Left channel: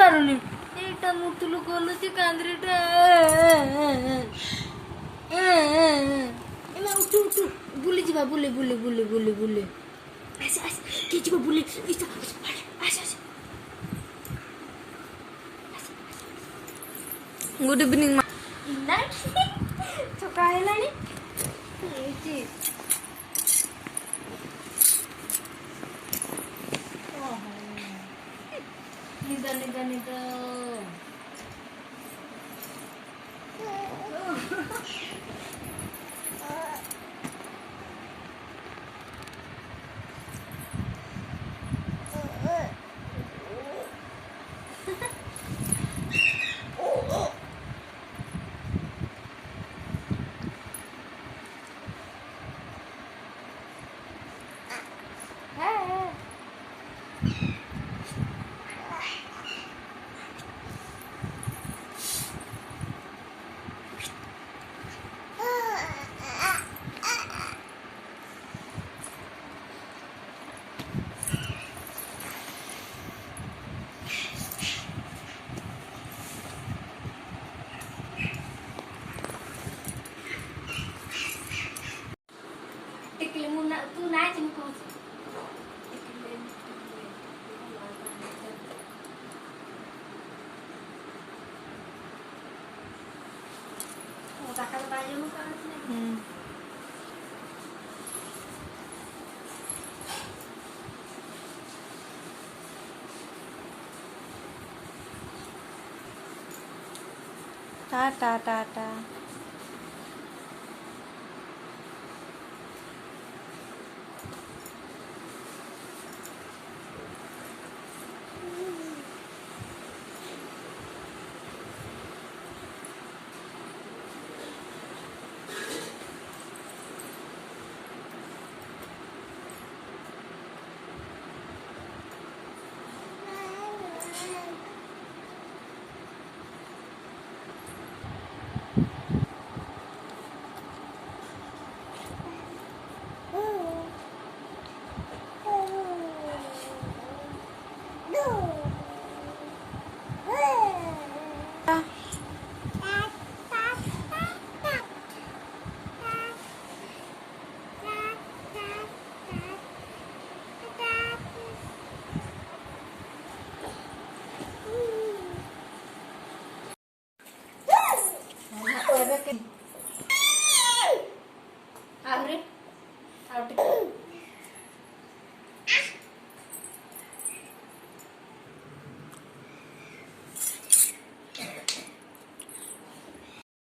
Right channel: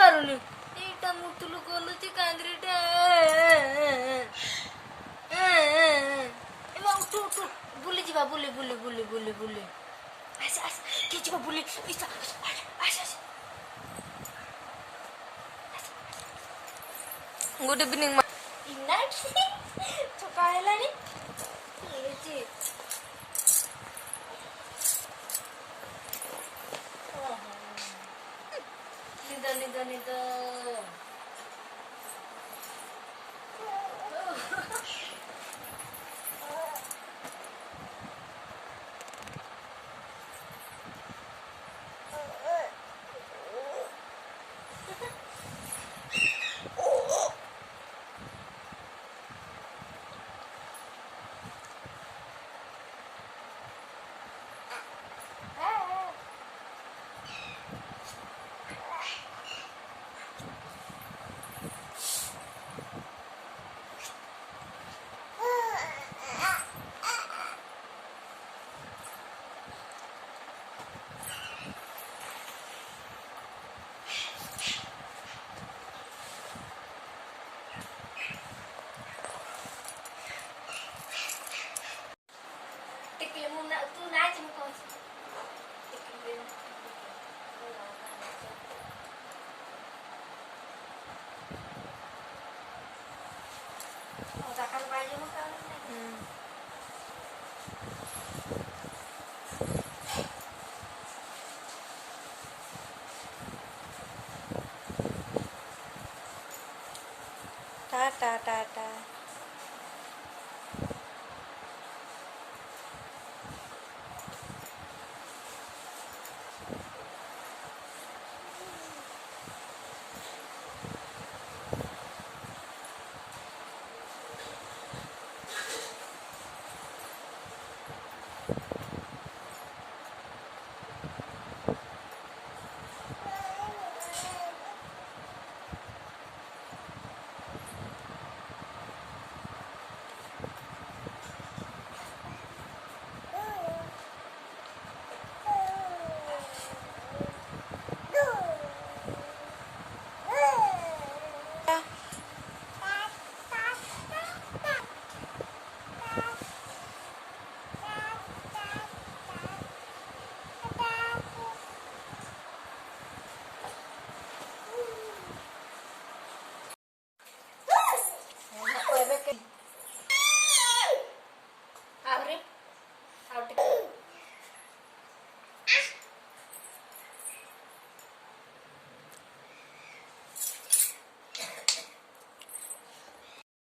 ପାରୁନି। ଏଇଟା ମୁତୁଲୁ ଗଲୁଛି କାନ୍ଦିଟା। ଏବେ ଉଠୁ ଉଠୁ ବୁଲି ଯିବା ବୁଲି ବୁଲି ବୁଲି ବୁଲି ବୁଲି ଆସ ଆସ କିଏ ଯିବ ବୁଲି ଆସ ଆସ। Good evening. ସକାଳ ହେଲାଣି। ନିଦ ନିଦ ନିଦ। ଟିକେ ମୁଁ ତୁ ନାଚ ମୁଁ କହୁଛି। टा टा टा टा।